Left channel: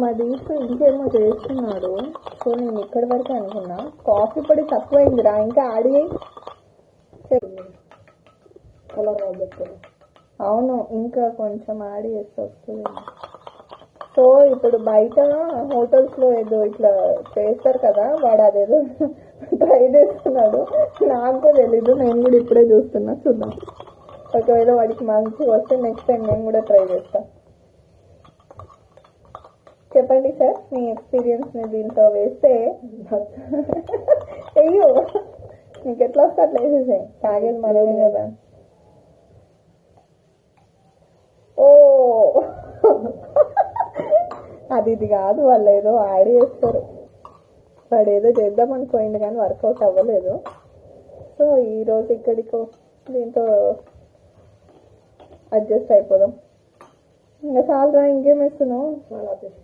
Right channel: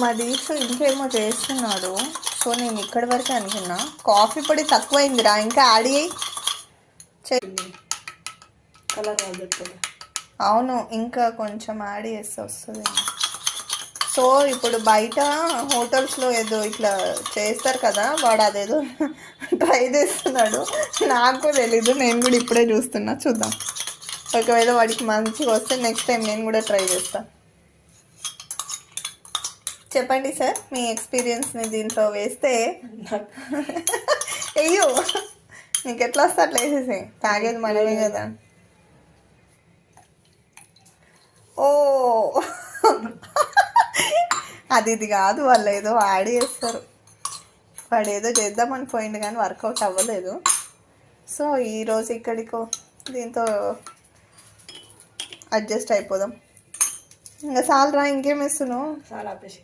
మా దీక్ష ఇంకేమో చేస్తున్నాడు. సో నేను ఇక్కడి వరకు అనుకున్నా. కాఫీ పొడి తక్కువైందిరా, ఇంకా యాడ్ అయ్యి కలర్ రాదు. అవును, ఇంకా కొంచెం యాడ్ చేస్తే వస్తుంది. సో ఇప్పుడు బయట హోటల్స్లో ఏదో ఇట్లా చేస్తారు కదా, వాడు అదేదో ట్రై చేస్తున్నాడు. నాకు తెలీదు, నేను కూడా ఇప్పుడే చూస్తున్నా. చూద్దాం, ఒకవేళ వాడికి మంచిగా వస్తే నెక్స్ట్ టైం నేను కూడా ట్రై చేస్తాను. చెప్పండి సార్ మీ ఎక్స్పీరియన్స్ని దీంట్లో వేస్తే. అయ్యో, నీకు ఎట్లా వస్తే అట్లా వేసేసే, తాగేది మనమే కదా. ఓ అది ఇది కాదు, వాళ్ళు ఏదో యాడ్ చేస్తారు. వాడు ఏదో చేద్దామని పోయింది కానీ వర్కౌట్ అవ్వలేదు. సో ఈరోజు ఇక్కడికో దీంతో అడ్జస్ట్ అయిపోదాం. ఇంకా చాలరా, ఇంకేం ఇస్తున్నావు? చాలా ఆపేసి